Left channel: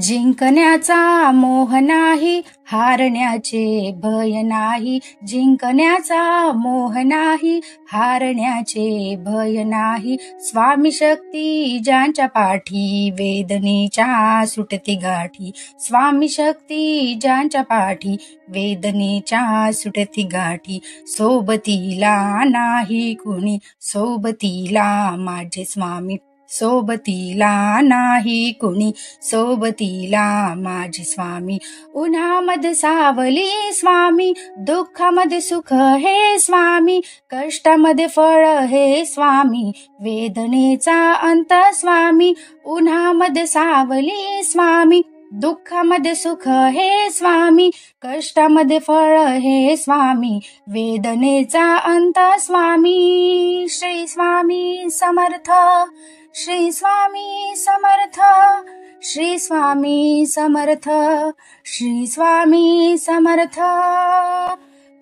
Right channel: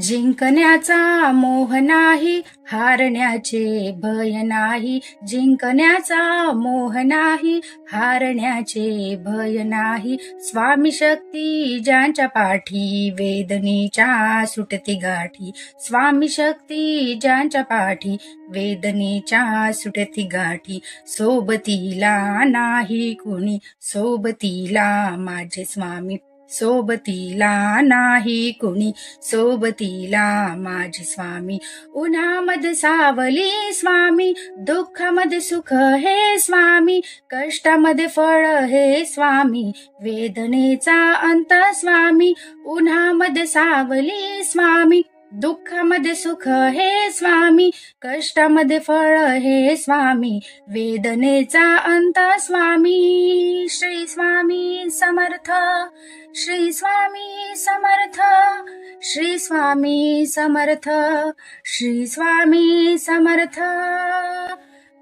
जिंकण्याचा मोह नाही, हारण्याचे भय नाही. जिंकण्याचा मोह नाही, हारण्याचे भय नाही. स्वामी शक्ती ज्यांच्या पाठी, वेदनेच्या सुटती गाठी. स्वामी शक्ती ज्यांच्या पाठी, वेदनेच्या सुटती गाठी. सोबतीला नाही कुणी, सोबतीला माझे स्वामी. सोबतीला नाही कुणी, सोबतीला माझे स्वामी. उन्हामध्ये सावली स्वामी, दुःखामध्ये सुख हे स्वामी. कष्टामध्ये फळ हे स्वामी, वेदनेचा अंत स्वामी. उन्हामध्ये सावली स्वामी, दुःखामध्ये सुख हे स्वामी. कष्टामध्ये फळ हे स्वामी, वेदनेचा अंत स्वामी. श्री स्वामी समर्थ, श्री स्वामी समर्थ, श्री स्वामी समर्थ, श्री स्वामी समर्थ.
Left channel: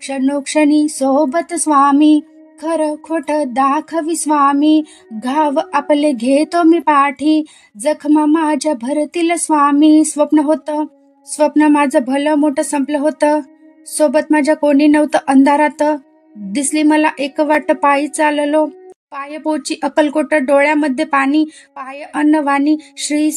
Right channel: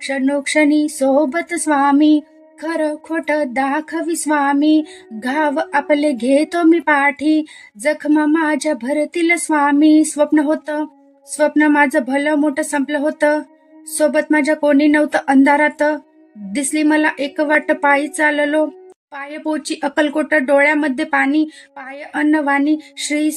क्षणोक्षणी सोबत स्वामी, खरं खोट दाखवी स्वामी. घाव आपले घेतो मी पाठी, जखमा माझ्या भरतील स्वामी. स्वप्न माझं भलं मोठं संपलं होतं. सोबत माझ्या कोणी नव्हतं अंधारात. दिसली मला एक वाट पायी चाललो, पाय पोची अक्कलकोट, डोळ्यामध्ये पाणी. पाय अन्नवाणी, श्री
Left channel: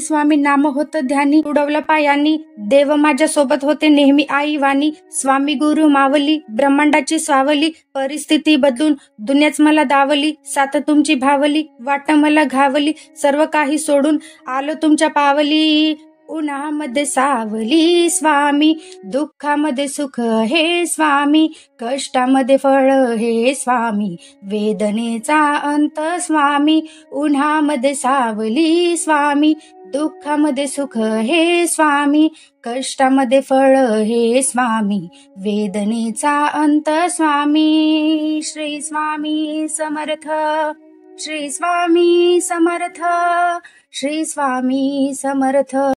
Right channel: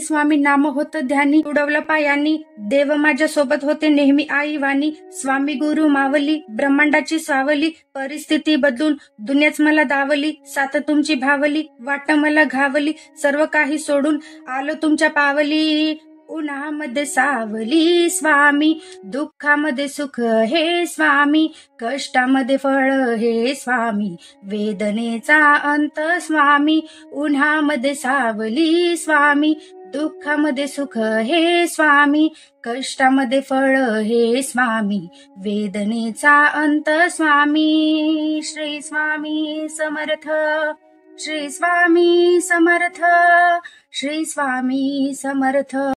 स्वामी नाम होतं ध्यानी. उडवलं पायांनी, देव माझ्या सोबत होते नेहमी आई वाणी. स्वामी गुरु मावली, ब्रह्मांडाची सावली. परिस्थिती बदलून दुनियाच मला दावली. साथ तुमची भावली, वाट मला घावली. सर्व काही सोडून आलो तुमच्या पावली. उन्हामध्ये सावली स्वामी, दुःखामध्ये सुख हे स्वामी. कष्टामध्ये फळ हे स्वामी, वेदनेचा अंत स्वामी. उन्हामध्ये सावली स्वामी, दुःखामध्ये सुख हे स्वामी. कष्टामध्ये फळ हे स्वामी, वेदनेचा अंत स्वामी. श्री स्वामी समर्थ, श्री स्वामी समर्थ, श्री स्वामी समर्थ.